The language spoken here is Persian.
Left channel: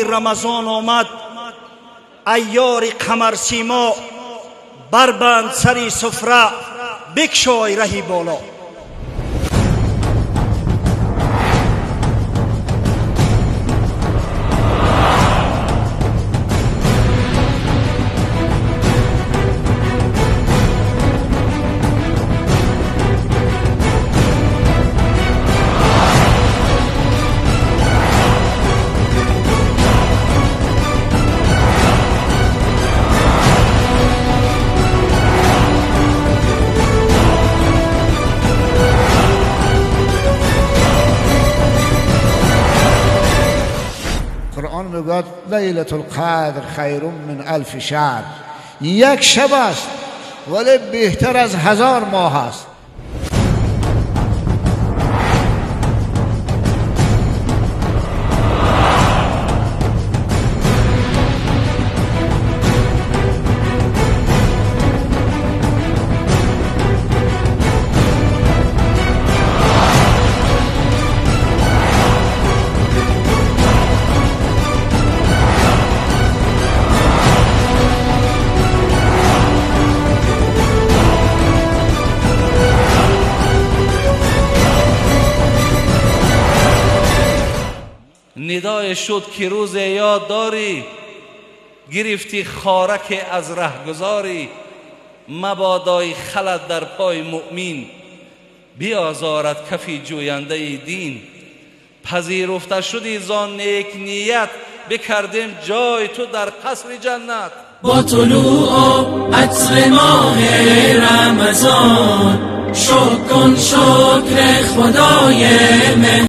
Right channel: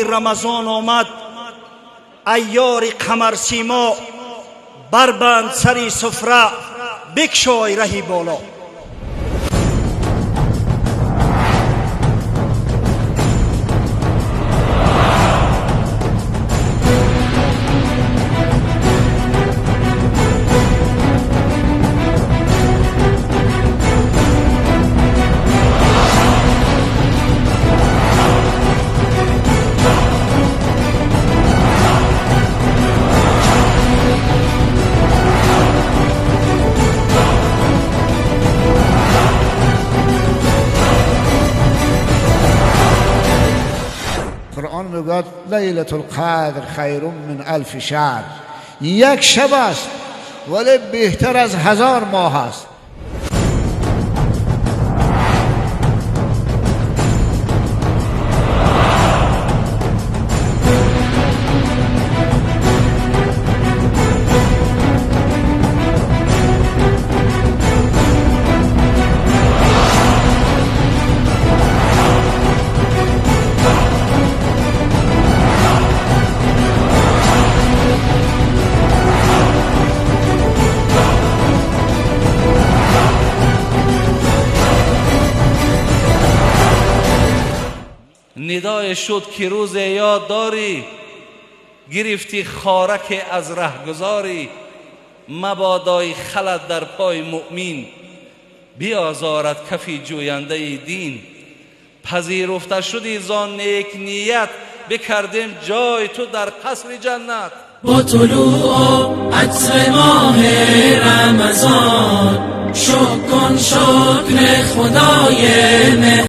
ماهی رمضان آمد، عیار قمر سیما بربند سری سفره، بکشای رهی بالا. قرآن میگوید لیلة القدر خیر من الف شهر. یک شب است ولی بهتر از 1000 ماه است. ندای شد که روز یاد داری، گرفتی خارک از رهگذاری. مبادای خلد در پای مؤمن، بیازارد کفی جوینده دین. پذیرفته شدی زان نیک نیت، بکردیم جای تو در قصر جنت. با طلوع عصر ماه رمضان، شکر کن شکر خدای